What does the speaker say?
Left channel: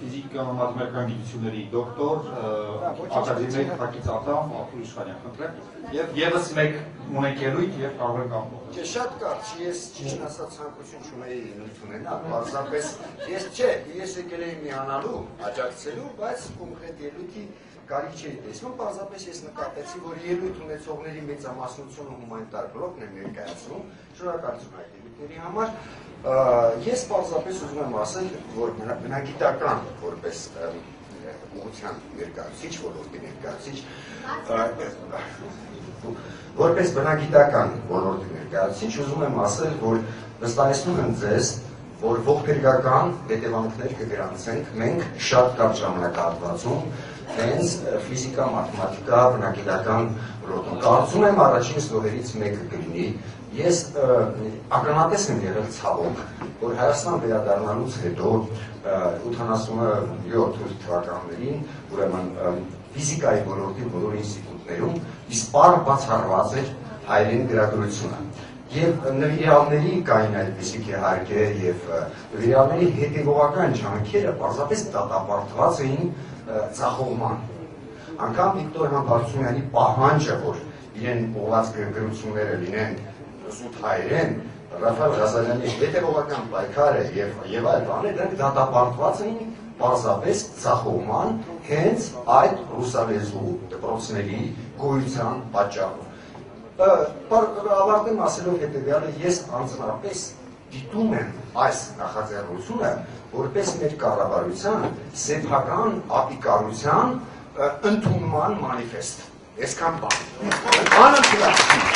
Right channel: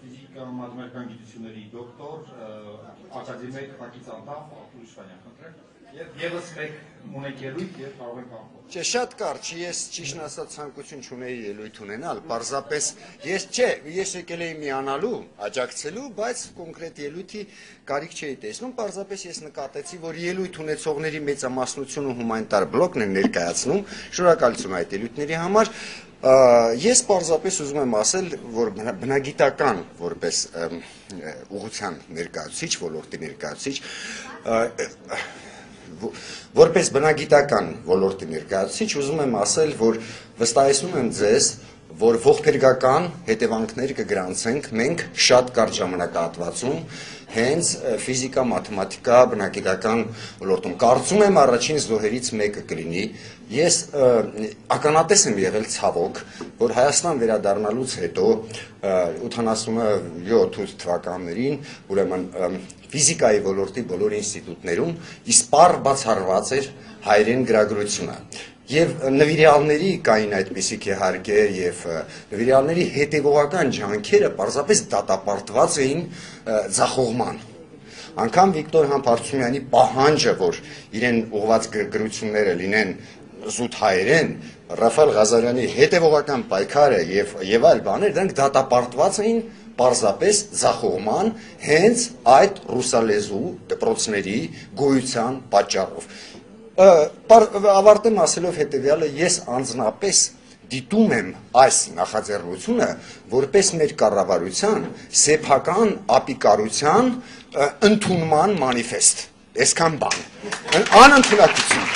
Fizică, matematică, գիտությունների դոկտոր, ակադեմիկ Հակիծատան, Աթուր Իշխանյան, խնդրեմ։ Եվ եւս մեկ ունենք ելույթ եւ կարող ենք ապահովել։ Չէ, շատ կարճ, ես ճիշտ ասած ցանկություն չունեի ելույթ ունենալ, պարզապես ես եկել էի միանալու, աջակցելու, բայց կոնկրետ ելույթի կարիք չէի տեսնում, պարզապես ես նկատեցի, որ ելույթ ունեցողների մեծամասնությունը հումանիտար բլոկն են ներկայացնում, շնորհակալություն այդ ելույթների համար։ Ես պարզապես ուզում եմ ասել, որ բնագիտական որպես ուղղության ներկայացուցիչ, ոլորտի ներկայացուցիչ, որպես բնագիտական ոլորտի ներկայացուցիչ, ուզում եմ ասել, որ վստահեցնում եմ ձեզ, որ ողբերգական հետևանքներ կգրանցենք մենք շատ կարճ ժամանակահատվածում հենց ֆիզիկա, մաթեմատիկա, բնագիտական ոլորտում։ Կարծում եմ առաջին զոհերից մեկը կլինի։ Ես ականատես եմ եղել ցավոք, որ Հայաստան վերադառնալուց հետո 87 թվականներին, ուրեմն ֆիզիկայի ոլորտի բոլոր ինստիտուտներում իսպառ բացառված էր հայերեն գրագրությունը։ Եվ նվիրյալների կային այդպիսիք իհարկե եւ նվիրյալների հետեւողական ջանքերը պարզապես դատապարտված էին ձախողման։ Անկամ Վիկտոր Համբարձումյանի պահանջը, որ իրեն ուղղված գրությունները լինեն զուտ հայերեն, Ռաֆայել Ղազարյանի հետեւողական պայքարը եւ այլ բաներ, դրանք դատապարտված էին պարզապես ձախողման հենց այդ ռուսալեզու դպրոցների գոյության պատճառով։ Ավարտեմ ասելով հետևյալը, ես անձնապես դիտում եմ այս նախաձեռնությունը որպես մեր կառավարության սեփական ապիկարության ընդունման մանիֆեստ։ Այսքան բան։ Անընդունակություն։